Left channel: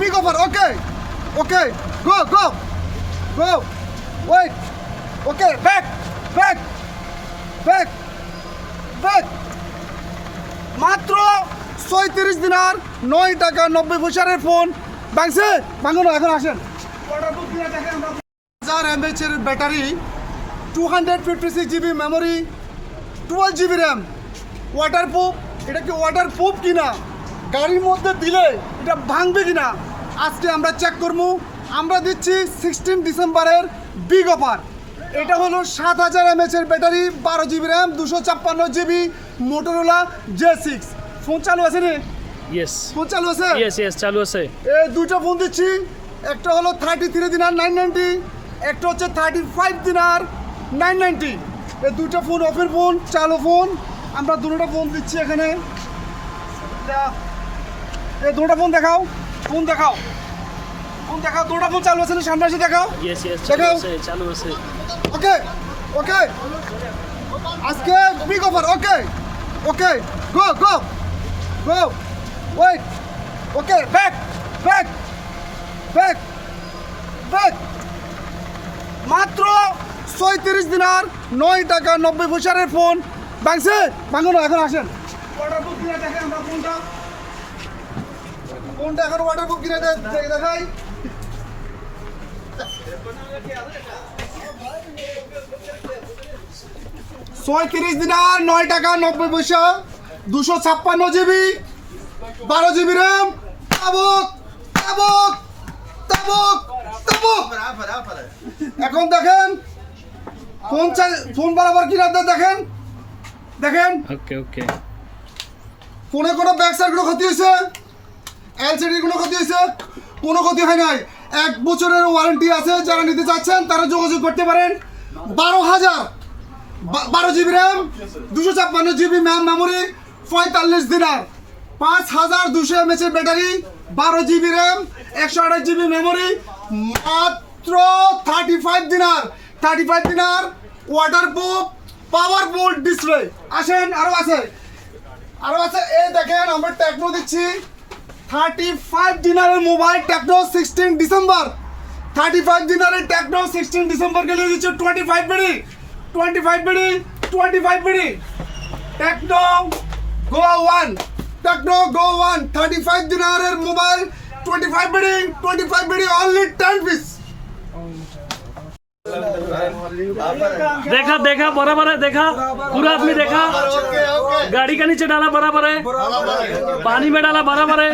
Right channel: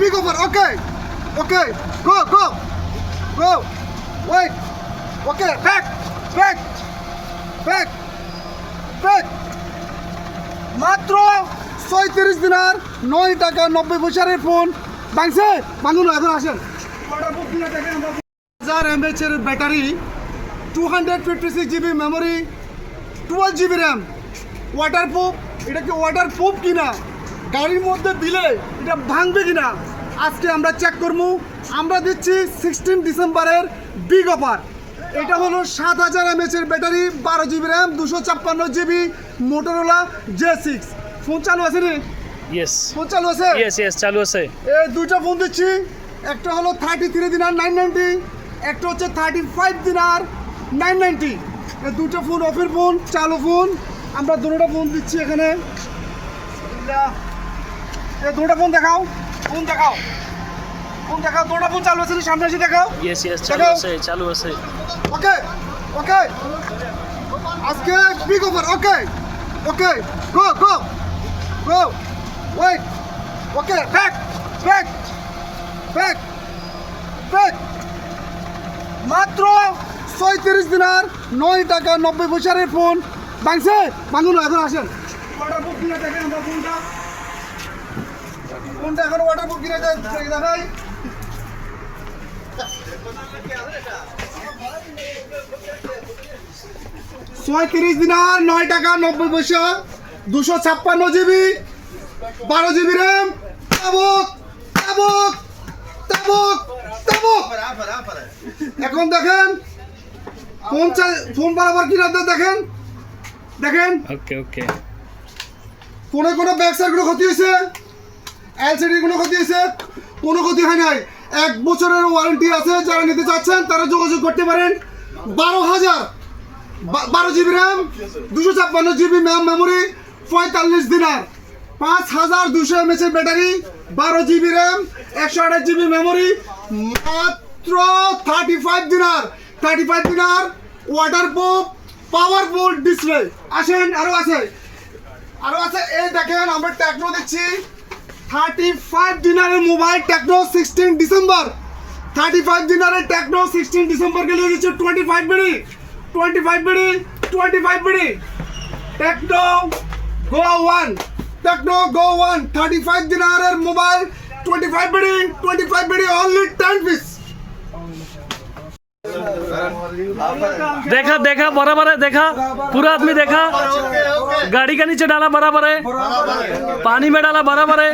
big offer. Okay. Okay. Go. Wait. Okay. Back. মাত্র ৩৬ দিনার ৯ টাকা ৯০ পয়সার ফোন ভাঙছে। ভাঙুন এখন আসেন। 1000 mAh এর battery, 256 GB memory, 12 GB RAM, waterproof. এটা কি ওয়াটারপ্রুফ কিনা, গাড়ির মধ্যে দিলে এটা ভাঙবে কিনা আজকে আমরা চেক করবো। আমরা দিচ্ছি 16 ডিসেম্বরের বিগ অফার। এটা হলো 7000 mAh এর battery, 12 GB RAM, 256 GB, Motorola J6। Phone চালু আছে নি? ইয়েস ফোন চালু আছে? ইয়েস চালু আছে। এই দুইটা ফোন দিচ্ছি। একটা হলো 33 দিনার 990, একটা হচ্ছে 35 দিনার 990। এই দুটো ফোন অফের ফোন, চালু ফোন। আমরা দুটো ফোন দিচ্ছি এখানে। এই দুটো ফোন দেখাও, দুটো ফোন চালু আছে, সামনে এসে দেখাও। ইয়েস চালু আছে। ওকে আজকে বিগ অফার। ওকে গো ওয়েট। ওকে ব্যাক মাত্র ৩৬ দিনার ৯ টাকা ৯০ পয়সার ফোন ভাঙছে। ভাঙুন এখন আসেন। ওয়াটারপ্রুফ কিনা দেখেন আমরা ফোনটা এখন ওয়াটারপ্রুফ কিনা দেখাই। ৩৬ দিনার ৯ টাকা ৯০ পয়সা, 256 GB, 12 GB র্যাম। তাবুক। এখন দেখেন ফোন বরাবর কি রাখতে দেখেন। ওকে ফোনে কোনো ব্যাক সাইড কোনো ক্ষতি হয়েছে, এলসিডি কোনো ক্ষতি হয়েছে? কোনো ক্ষতি হয় নাই। 1 বছরের ওয়ারেন্টি আছে। যারা নিতে চাচ্ছেন তারা যোগাযোগ করতে পারেন। 12 GB র্যাম, 256 GB মেমোরি, 45 দিনার, 5200 mAh এর battery, 12 GB RAM, 128 GB memory, মাত্র 35 দিনার, ওয়াটারপ্রুফ, পাওয়ারফুল ডিসপ্লে। আসেন, আরো আছে। এই দেখেন আমরা টেকনো দিচ্ছি 35 দিনারের মোবাইল, টেকনো 16 ডিসেম্বর। 35 দিনারের টেকনো 16 ডিসেম্বর কে দিয়ে দিচ্ছে 25 বিডি। টেকনো গো 1 35 দিনারের মোবাইল, 25 বিডি অনলি 10 পিস। देखा बराबर है, देखा पूरा आदमी देखा। गाड़ी का नीचे डाला बराबर है, पानी में डाला बराबर है।